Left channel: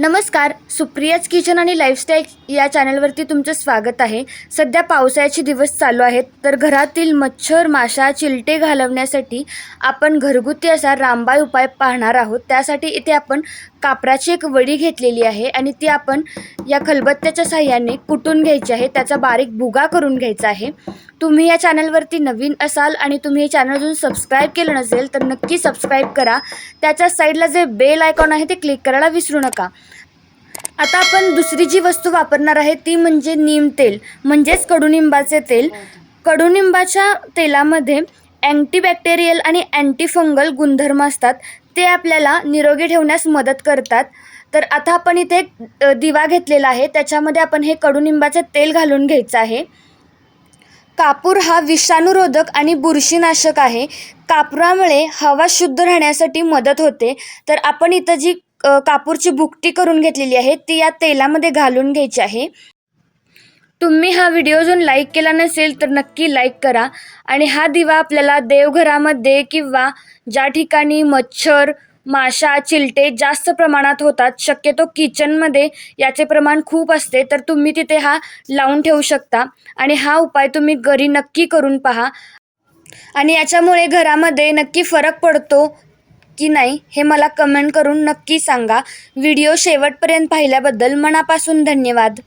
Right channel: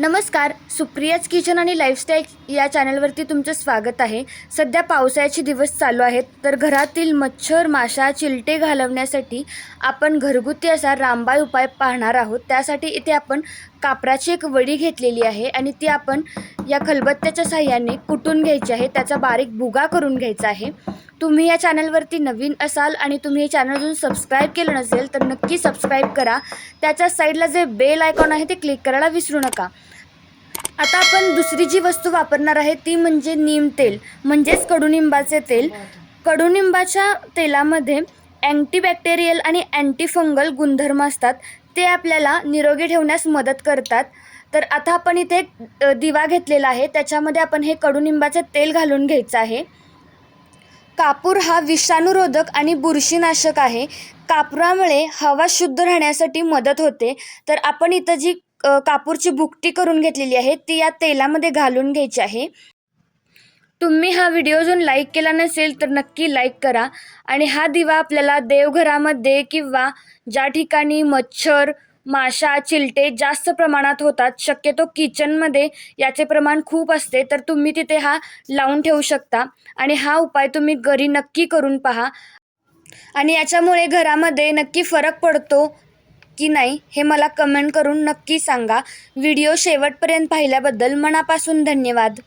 नमस्कार सुप्रियाज किचन आणि लाईफस्टाईल या चॅनलवरती तुमचं स्वागत आहे. सध्या पावसाळ्याचे दिवस चालू आहेत तर घरातील मच्छर माशा चिलटे घालवण्यासाठी आपण घरगुती असा रामबाई उपाय पाहणार आहोत. त्यासाठी इथे आपण कापराची एक वडी घेतलेली आहे आणि ती आपण या खलबत्त्याच्या साह्याने कुटून घ्यायची आहे. त्याचा बारीक भुगा करून घ्यायचा आहे. तुम्ही या चॅनलवरती नवीन असाल आणि तुम्ही हे चॅनल अजून सबस्क्राईब केलं नसेल तर नक्की सबस्क्राईब करा. त्याच्या साईडला जे बेल आयकॉन आहे ते क्लिक करायला विसरू नका. आता आपण दुसरी जी वस्तू वापरणार आहे ती म्हणजे नीम तेल म्हणजेच कडुनिंबाचे तेल. कडुनिंबाच्या तेलामध्ये अँटीबॅक्टेरियल आणि अँटीफंगल गुणधर्म असतात. ते आपल्याला निरोगी ठेवण्यास मदत करतात. तर आता आपण इथे एक, दिवा घेतलेला आहे. त्याच्यामध्ये आपण हे कडुनिंबाचे तेल घालून घ्यायचं आहे. कापूर हा विषाणूरोधक आणि बुरशीनाशक आहे. कापुरामुळे हवा शुद्ध राहण्यासाठी मदत होते. तर आपण इथं जी कापूरची भुकटी करून घेतलेली आहे ती या तेलामध्ये घालून घ्यायची आहे. तुम्ही हा व्हिडिओ जर लाईक केला नसेल तर नक्की लाईक करा. आणि हा दिवा आपल्याला देवघरामध्ये किंवा ज्या ठिकाणी मच्छर माशा चिलटे जास्त प्रमाणात होतात शक्यतो किचनमध्ये याचे प्रमाण खूप असते तर तुम्ही तिथे हा लावून ठेवू शकता. आणि हा उपाय तुम्ही घरी नक्की करून पहा. आणि याच्यामुळे घरामध्ये नक्की फरक पडतो. की नाही हे मला कमेंट करून नक्की सांगा. व्हिडिओ शेवटपर्यंत पाहिल्याबद्दल मनापासून धन्यवाद.